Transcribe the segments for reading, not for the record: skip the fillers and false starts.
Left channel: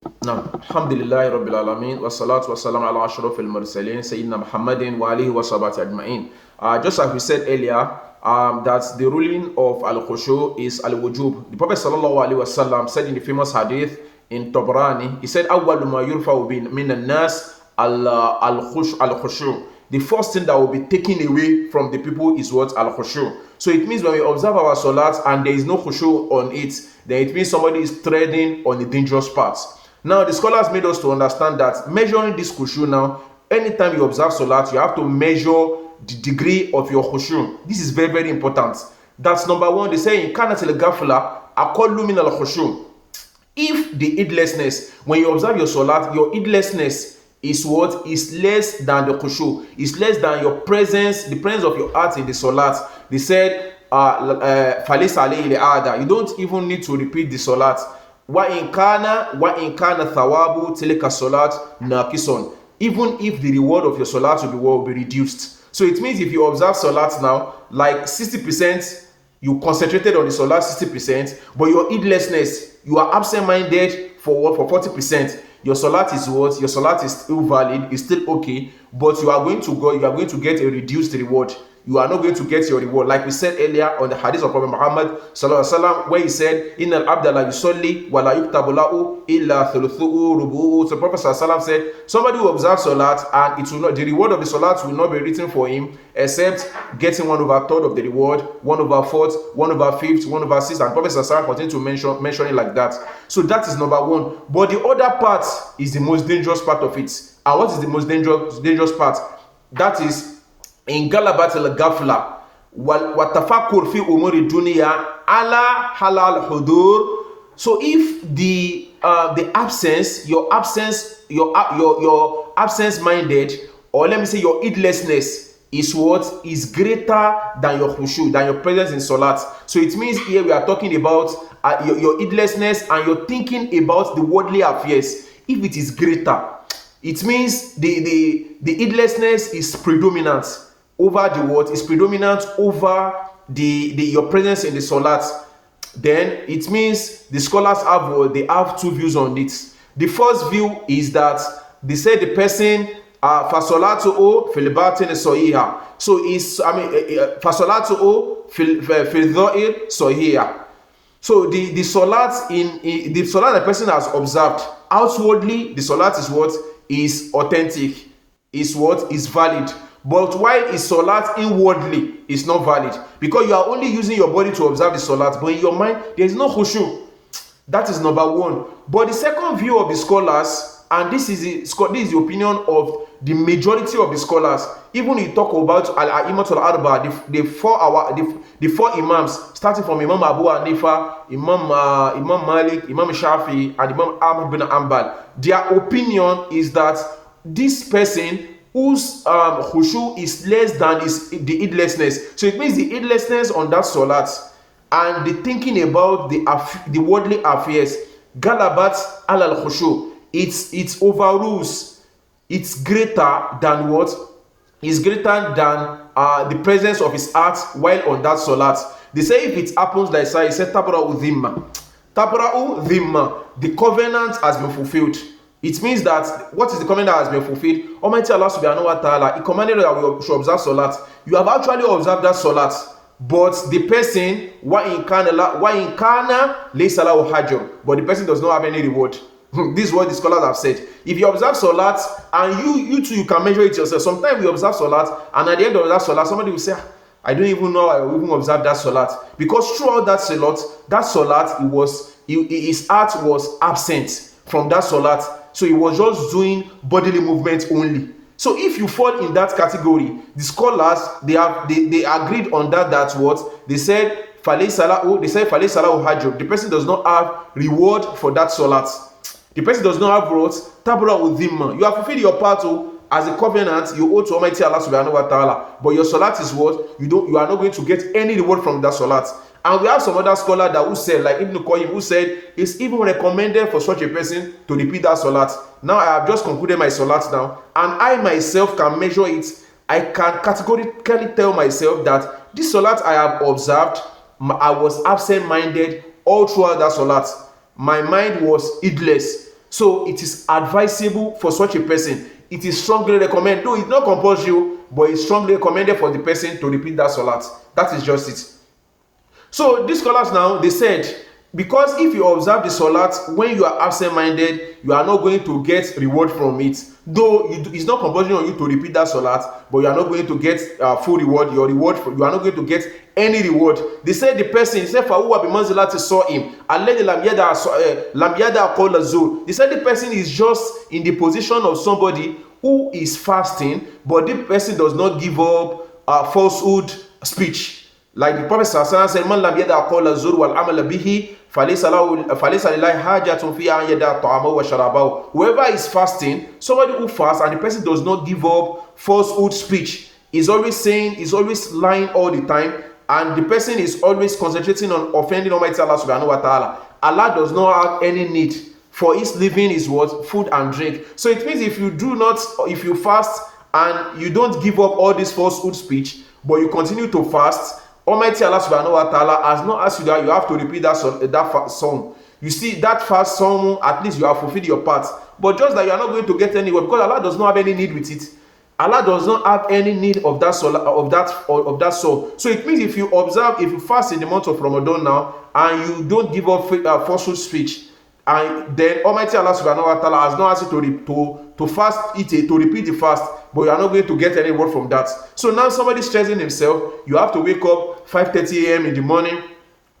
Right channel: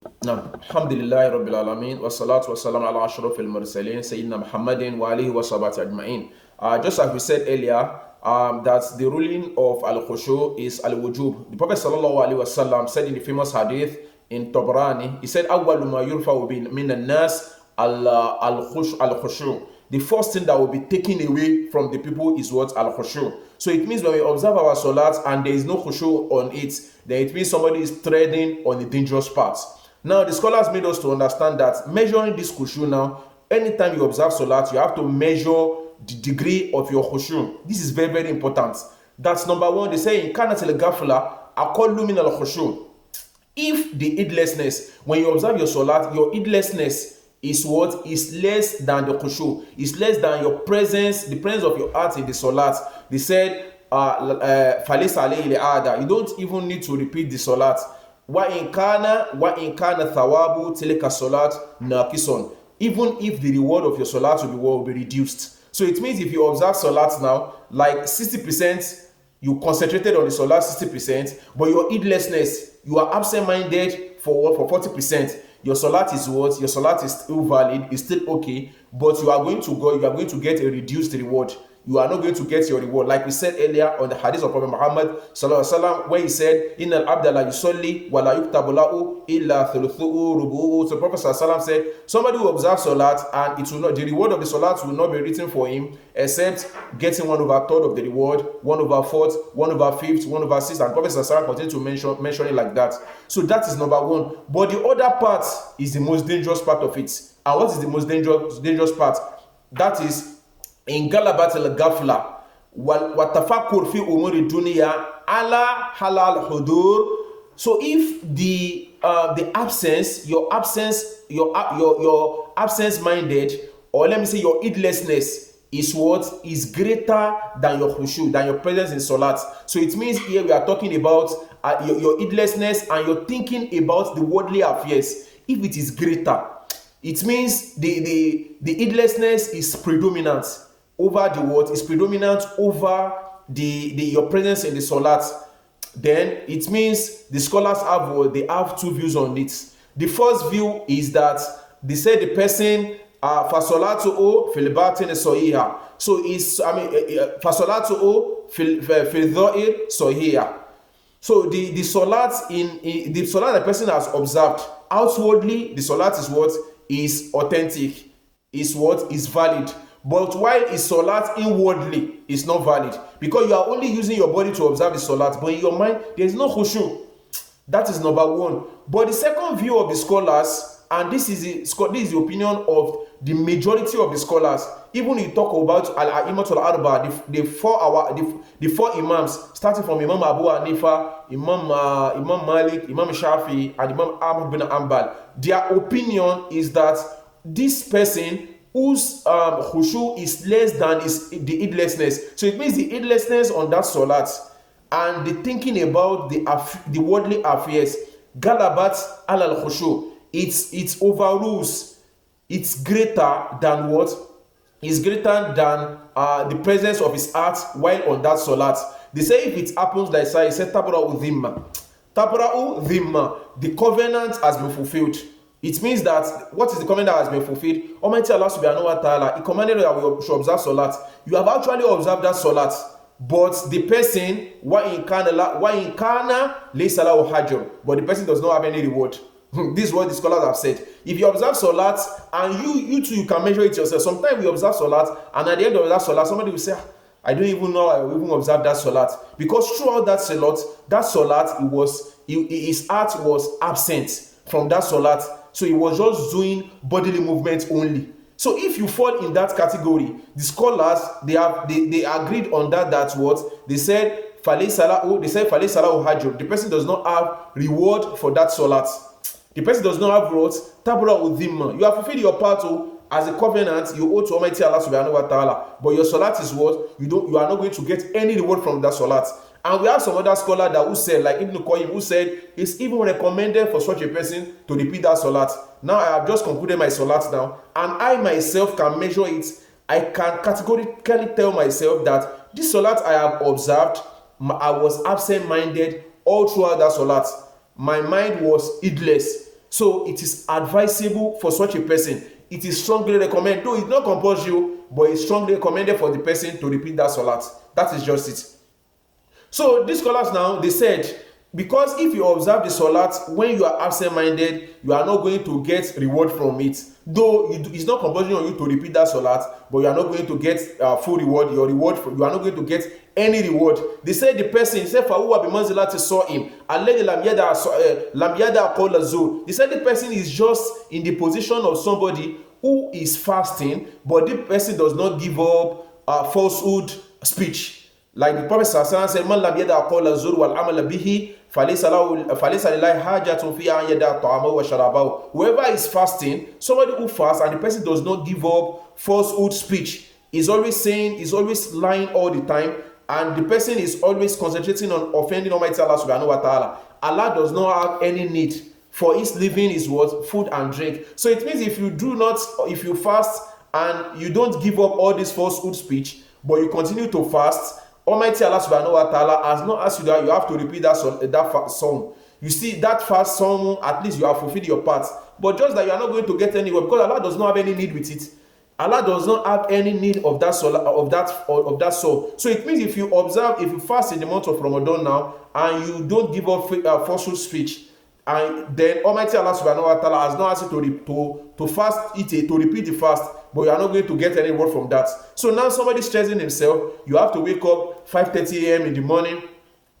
نعم الحمد لله رب العالمين والصلاة والسلام على أشرف المرسلين سيدنا محمد وآله وصحبه أجمعين. Just as we said earlier, that the ruling of Al-Khushoo is Al-Wujub. The Prophet sallallahu alaihi wasallam said in the famous hadith in Tabrani, he said, أول ما يرفع من الناس Al-Khushu. The first thing that will be taken away from the people is what? Al-Khushu. So it means when we observe our salat and there is no khushu on it, then it means somebody is treading on a dangerous path. Now, the scholars made us to understand that measuring this khushu now, anytime you observe salat, you have to measure the degree of your khushu. This is very, very important. That's number one. They say in kanat al-ghafla aqallu min al-khushu. If the heedlessness, when you observe your salat, your heedlessness is what? Is less than the khushu. Is less than your presence, the presence of your heart in the salat. They said, falis alayhi al-ada. You don't even need to repeat the salat. وَإِنْ كَانَ ثَوَابُ تِلْكَ الصَّلَاةِ نَاقِصٌ. Even if the reward of your salat will be reduced. So it means if you observe salat now, like 60%, you concentrated on the salat 60%, but your heedlessness, you are absent-minded for what? For 40%. Your salat is what? Your salat is still valid, is still okay, but you are going to get a reduced reward. You are not going to get your reward. Like we said earlier on the hadith of Prophet Muhammad sallallahu alaihi wasallam, where he said, "Innal abda la yusalli wa la yuktabu lahu illa thuluthuhu rubu'u." So Prophet sallallahu alaihi wasallam said, somebody who observes salat and it will not, the reward of the salat will not be written for him except getting 1/3 of the reward, 1/4, 1/5, 1/6, and Prophet sallallahu alaihi wasallam continued to mention it like that. So that is number one. But the other part is the most dangerous part of it. And what is the most dangerous part? That is in galabat al-ghafla wa tafakkur fi umuri dunya ala halal hudur. So if the absence, your absence minded, or let me say your heedlessness is what? Is greater than your khushu, than your presence in salat. So it means here we are talking about your heedlessness and you're thinking about the worldly affairs. If it is greater, it means the heedlessness is predominant over the what? Is predominant over your presence in the salat. Then it means the scholars have what? They have two views on it. The first view is that they say the person fasolatu fil batin sahiha. So is fasolatu fil dhahir sahiha. So the salat the salat the person has observed outwardly, the salat is what? Is authentic, is what? Is valid. But while is salat inwardly is not valid, because you are only using your body to observe the salat, but in your mind there is no khushu. That is number one. But the second view of the scholars, and this is the opinion of the majority of the scholars, even when you talk about al-a'immat al-arba, the four imams, starting from Imam Abu Hanifa, Imam Malik, Imam Shafi, and Imam Ahmad bin Hanbal, their opinion is that this person whose khushu is less than the heedlessness. So it means the heedlessness on that salat and the thinking about the worldly affairs, galabat al khushu, it overrules. It's greater than what? It's greater than the presence of his heart while on that salat. They say if it happens like so, he said tabra'u dhimma. Tabra'u dhimma. The covenant has been fulfilled. It means that what is the command that has been fulfilled? Almighty Allah subhanahu wa ta'ala, He commanded that we should observe salat. You have actually observed that salat, but the person, wa in kana laysa lahu hajr, but the person does not have any reward. This is what the scholars have said. If you observe salat and you too, you can measure it yourself. Sometimes we observe salat and at the end of that salat, somebody will say, I don't even know I will even observe that salat, because throughout that salat, his heart was absent from that salat. So he was just doing bodily movement only. So if you fall in that category, the scholars they agreed on that what they said falaysalahu hajr. The person does not have reward for that salat. The person does not have what? Tabra'u dhimma. You have fulfilled your part as a covenant you owe to Almighty Allah subhanahu wa ta'ala, but your salat is what? You are not going to get any reward from that salat. And we have some other scholar that who said, like Ibn Qayyim, who said it's even recommended for such a person to repeat that salat. Now I have just concluded my salat now, and I myself can measure it. I can categorically tell myself that this salat I have observed, I was absent-minded all throughout that salat. My mind was heedless. So it is advisable for such a person. It is strongly recommended, though it's not compulsory, but it's strongly recommended for the person to repeat that salat. That is just it. So these scholars now, they said, because if you observe the salat when you are absent-minded, you are not going to get reward from it. Though it's not compulsory on you to repeat that salat, but you are not going to get full reward. You are not going to get any reward. They said the person, he said, فَهُوَ بِمَنْزِلَةِ الصَّائِمِ الَّذِي لَمْ يَدَعْ قَوْلَ الزُّورِ. They said the person is just in the position of somebody who is fasting, but the person does not give up falsehood speech. Like the Prophet said, "Man lam yada qawla zur wal amal bihi, falaysa lillahi hajatun fi an yada ta'amahu wa sharabahu." Whoever is fasting, somebody who fasts and the person does not give up falsehood speech, is always lying all the time, and the person is always concentrating on offending Almighty Allah subhanahu wa ta'ala. Allah does not have any need for his living is what? Food and drink. So it means if you fast and you don't give up all this falsehood speech, but you continue to fast, Almighty Allah subhanahu wa ta'ala has not asked you that you have to repeat that song. You see, that fast song, at least you have fulfilled your part. But just that you are not going to get anywhere, because Allah does not have any need with it. Allah does not have any need of that soul, of that soul. So it means if you fast in the month of Ramadan now, and you don't give up falsehood speech, and then Almighty Allah subhanahu wa ta'ala has not asked you to fast it, to repeat the fast, but you are not going to get any word from that. So now somebody stressing himself, you have to wake up 5:30 a.m. in the morning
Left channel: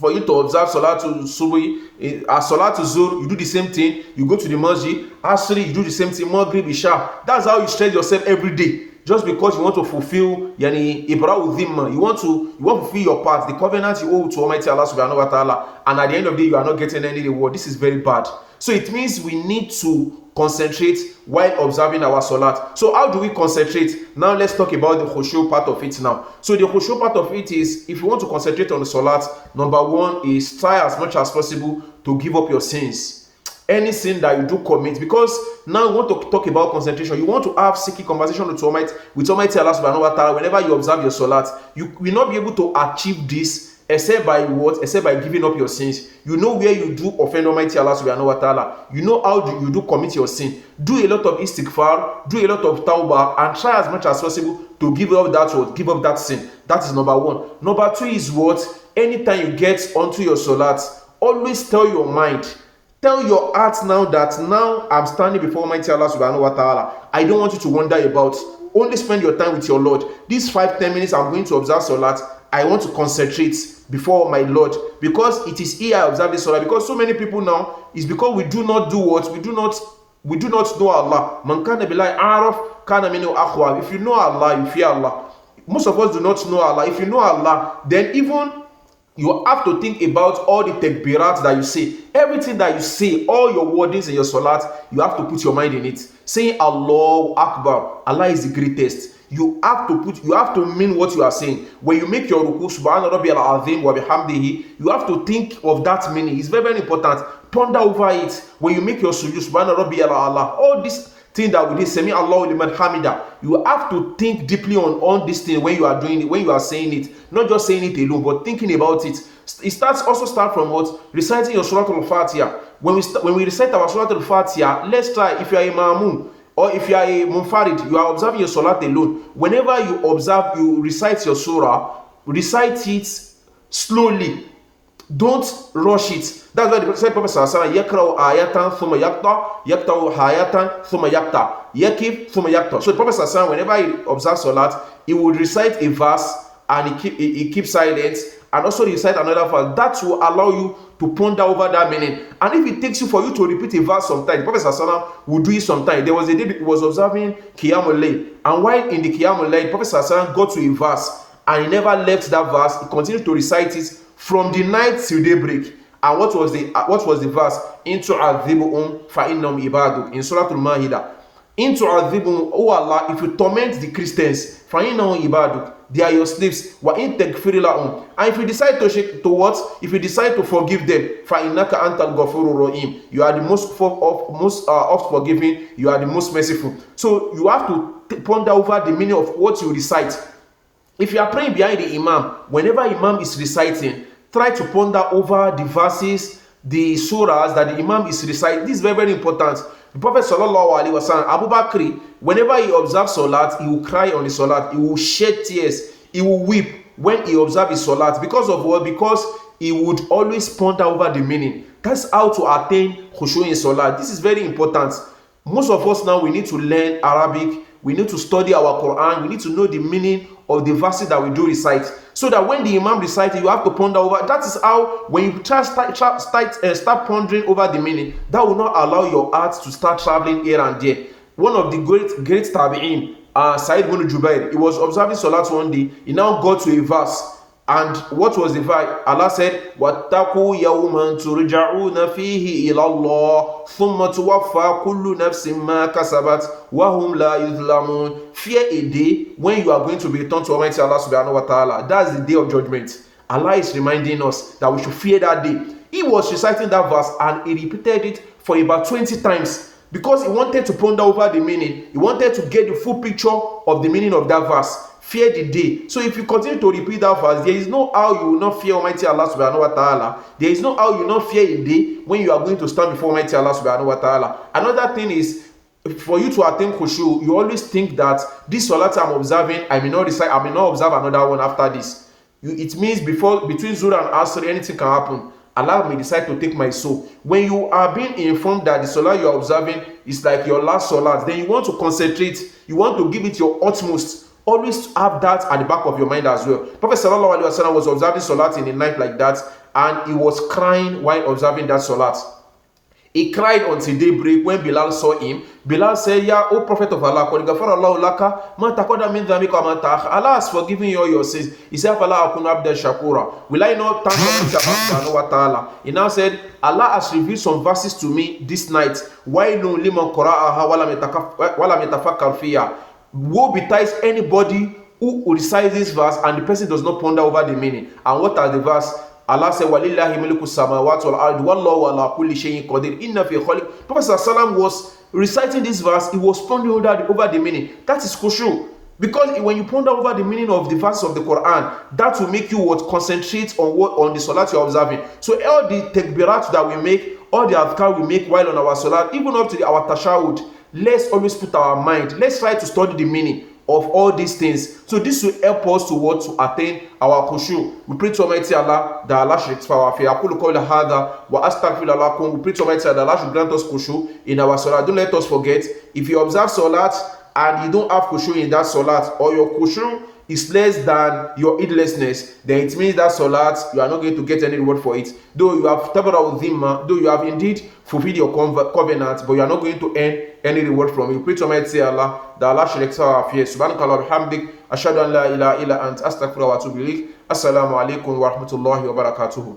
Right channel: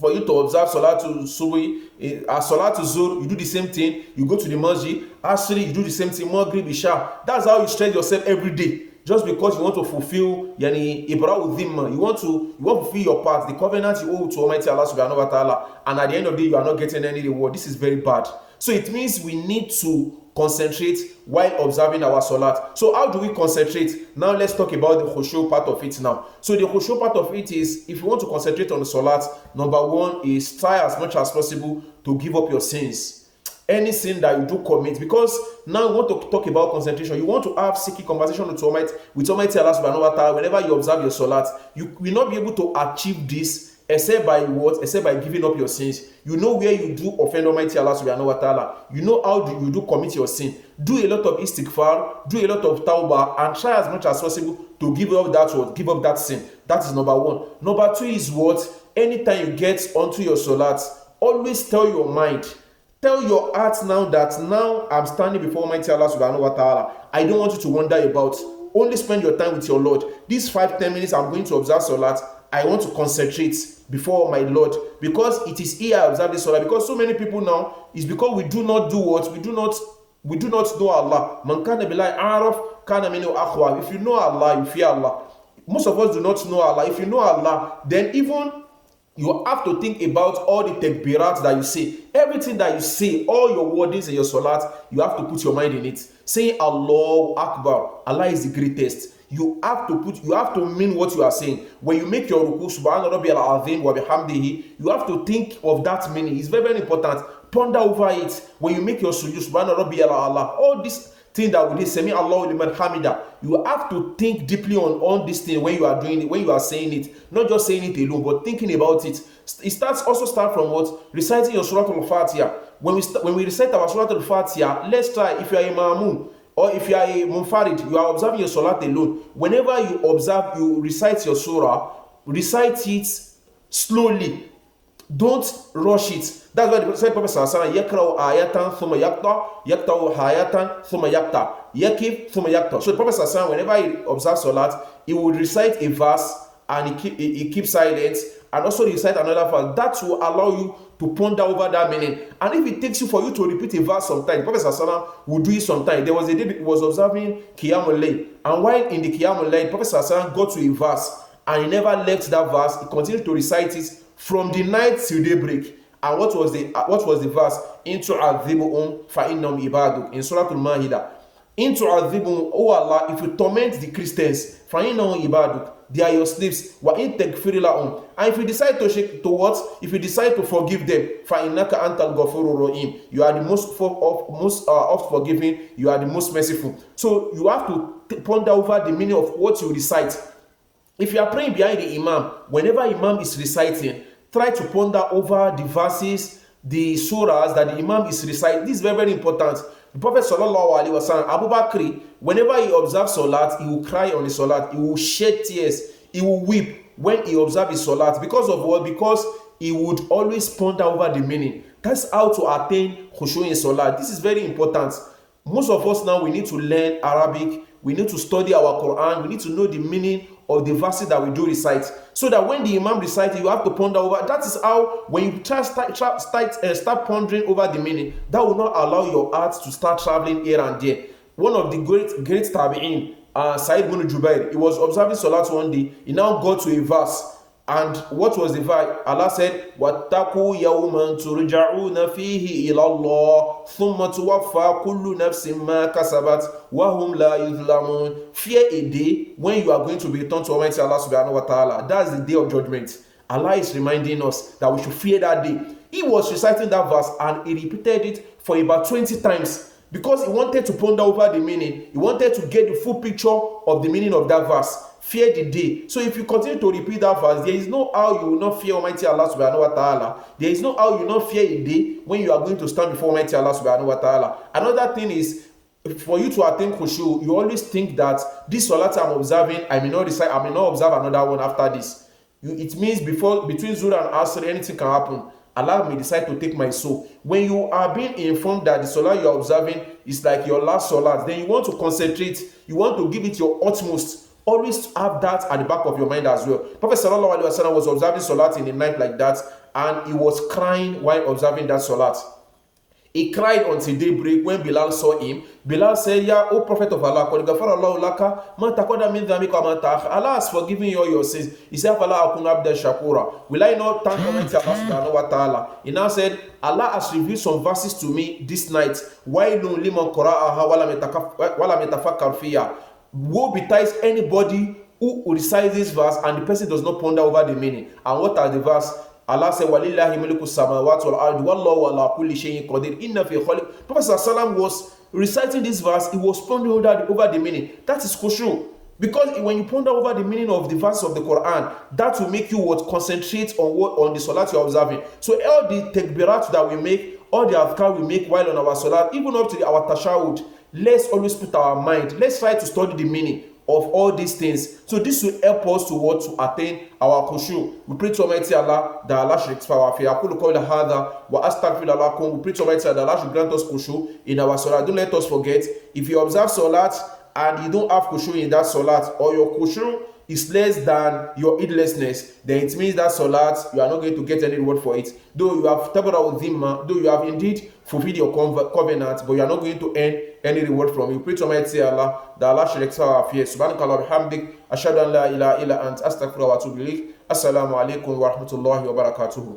for you to observe Salat to Subuhi. Salat to Zuhr, you do the same thing. You go to the masjid. Asri, you do the same thing. Maghrib, Isha. That's how you stress yourself every day. Just because you want to fulfill Ibra'u Dhimma, you want to fulfill your part, the covenant you owe to Almighty Allah subhanahu wa ta'ala, and at the end of the day, you are not getting any reward. This is very bad. So it means we need to concentrate while observing our salat. So how do we concentrate? Now let's talk about the Khushoo part of it now. So the Khushoo part of it is, if you want to concentrate on the salat, number one is try as much as possible to give up your sins. Any sin that you do commit, because now you want to talk about concentration, you want to have seeking conversation with Almighty Allah subhanahu wa ta'ala whenever you observe your salat. You will not be able to achieve this except by what? Except by giving up your sins. You know where you do offend Almighty Allah subhanahu wa ta'ala. You know how you do commit your sin. Do a lot of istighfar, do a lot of tawbah, and try as much as possible to give up that sin. That is number one. Number two is what? Anytime you get onto your salat, always tell your mind, tell your heart now that now I'm standing before Almighty Allah subhanahu wa ta'ala. I don't want you to wonder about. Only spend your time with your Lord. These 5-10 minutes I'm going to observe salat, I want to concentrate before my Lord, because it is here I observe this salah. Because so many people now is because we do not do what? We do not know Allah. Man kana billahi araf kana minhu akhwa. If you know Allah, you fear Allah. Most of us do not know Allah. If you know Allah, then even you have to think about all the takbirat that you say. Everything that you say, all your wordings in your salat, you have to put your mind in it. Saying Allahu Akbar, Allah is the greatest. You have to mean what you are saying. When you make your ruku, subhana rabbiyal azim wa bihamdihi, you have to think of that meaning. It's very, very important. Ponder over it. When you make your sujood, subhana rabbiyal a'la, all this thing that we did, sami Allahu liman hamida, you have to think deeply on this thing when you are doing it, when you are saying it, not just saying it alone, but thinking about it. It also start from what? Reciting your Surah Al-Fatiha. When we recite our Surah Al-Fatiha, let's try, if you are a ma'mun, or if you are a munfarid, you are observing your salat alone. Whenever you recite your surah, recite it slowly. Don't rush it. That's why the Prophet sallallahu yakra'u ayatan thumma yaqta hayatan thumma yaqta yakif thumma yaqta. So the Prophet sallallahu, whenever he observes salat, he would recite a verse and he keeps silent, and also recite another verse. That will allow you to ponder over that meaning. And if it takes you for you to repeat a verse sometime, the Prophet sallallahu will do it sometime. There was a day he was observing Qiyamul Layl, and while in the Qiyamul Layl, the Prophet sallallahu got to a verse and he never left that verse. He continued to recite it from the night till daybreak. And what was the verse? In tu'adhibuhum fa innahum ibaduk, in Surah Al-Ma'idah. In tu'adhibuhum, oh Allah, if you torment the Christians, fa innahum ibaduk, they are your slaves. Wa in taghfir lahum, and if you decide to what? If you decide to forgive them, fa innaka antal ghafurur rahim, you are the most oft forgiving, you are the most merciful. So you have to ponder over the meaning of what you recite. If you are praying behind the imam, whenever imam is reciting, try to ponder over the verses the surahs that the Imam is reciting. This is very, very important. The Prophet sallallahu alaihi wasallam, Abu Bakr, whenever he observes Salat, he will cry on the Salat. He will shed tears. He will weep when he observes his Salat. Because of what? Because he would always ponder over the meaning. That's how to attain Khushoo in Salat. This is very important. Most of us now, we need to learn Arabic. We need to study our Quran. We need to know the meaning of the verses that we do recite. So that when the Imam recites, you have to ponder over. That is how, when you start pondering over the meaning, that will not allow your heart to start traveling here and there. One of the great tabi'in, Sa'id ibn Jubair, he was observing Salat one day. He now got to a verse. And what was the verse? Allah said, وَاتَّقُوا يَوْمًا تُرْجَعُونَ فِيهِ إِلَى اللَّهِ ثُمَّ تُوَفَّى كُلُّ نَفْسٍ مَا كَسَبَتْ وَهُمْ لَا يُظْلَمُونَ. Fear a day when you are going to be returned to Almighty Allah subhanahu wa ta'ala. That's the day of judgment. Allah is reminding us that we should fear that day. He was reciting that verse and he repeated it for about 20 times because he wanted to ponder over the meaning. He wanted to get the full picture of the meaning of that verse. Fear the day. So if you continue to repeat that verse, there is no how you will not fear Almighty Allah subhanahu wa ta'ala. There is no how you will not fear a day when you are going to stand before Almighty Allah subhanahu wa ta'ala. Another thing is, for you to attain Khushoo, you always think that this Salat I'm observing, I may not observe another one after this. It means between Zuhr and Asr, anything can happen. Allah may decide to take my soul. When you are being informed that the Salat you are observing is like your last Salat, then you want to concentrate, you want to give it your utmost. Always have that at the back of your mind as well. Prophet sallallahu alaihi wasallam was observing Salat in the night like that, and he was crying while observing that Salat. He cried until daybreak. When Bilal saw him, Bilal said, "Ya, O Prophet of Allah, Allah has forgiven you all your sins." He said, will I not thank Allah? He now said, Allah has revealed some verses to me this night. Woe betides anybody who recites this verse and the person does not ponder over the meaning. And what are the verse? Allah said, "Walillahi mulku samawati wal ardi wallahu ala kulli shay'in qadir." Inna fi khaliq. Prophet sallallahu was reciting this verse. He was pondering over the meaning. That is Khushoo. Because when you ponder over the meaning of the verses of the Quran, that will make you concentrate on the Salat you are observing. So all the takbirat that we make, all the adhkar we make while on our Salat, even up to our tashahud, let's always put our mind, let's try to study the meaning of all these things. So this will help us to attain our Khushoo. We pray to Almighty Allah that Allah should rectify our fear. We pray to Almighty Allah that Allah should grant us Khushoo in our Salat. Don't let us forget, if you observe Salat and you don't have Khushoo in that Salat, or your Khushoo is less than your heedlessness, then it means that Salat, you are not going to get any reward for it. Though you have tabara'u dhimma, though you have indeed fulfilled your covenant, but you are not going to earn any reward from it. We pray to Almighty Allah that Allah should rectify our fears. Subhanakallah alhamdik, ashhadu an la ilaha illa ant, astaghfiruka wa atubu ilaik. Assalamu alaikum wa rahmatullahi wa barakatuhu.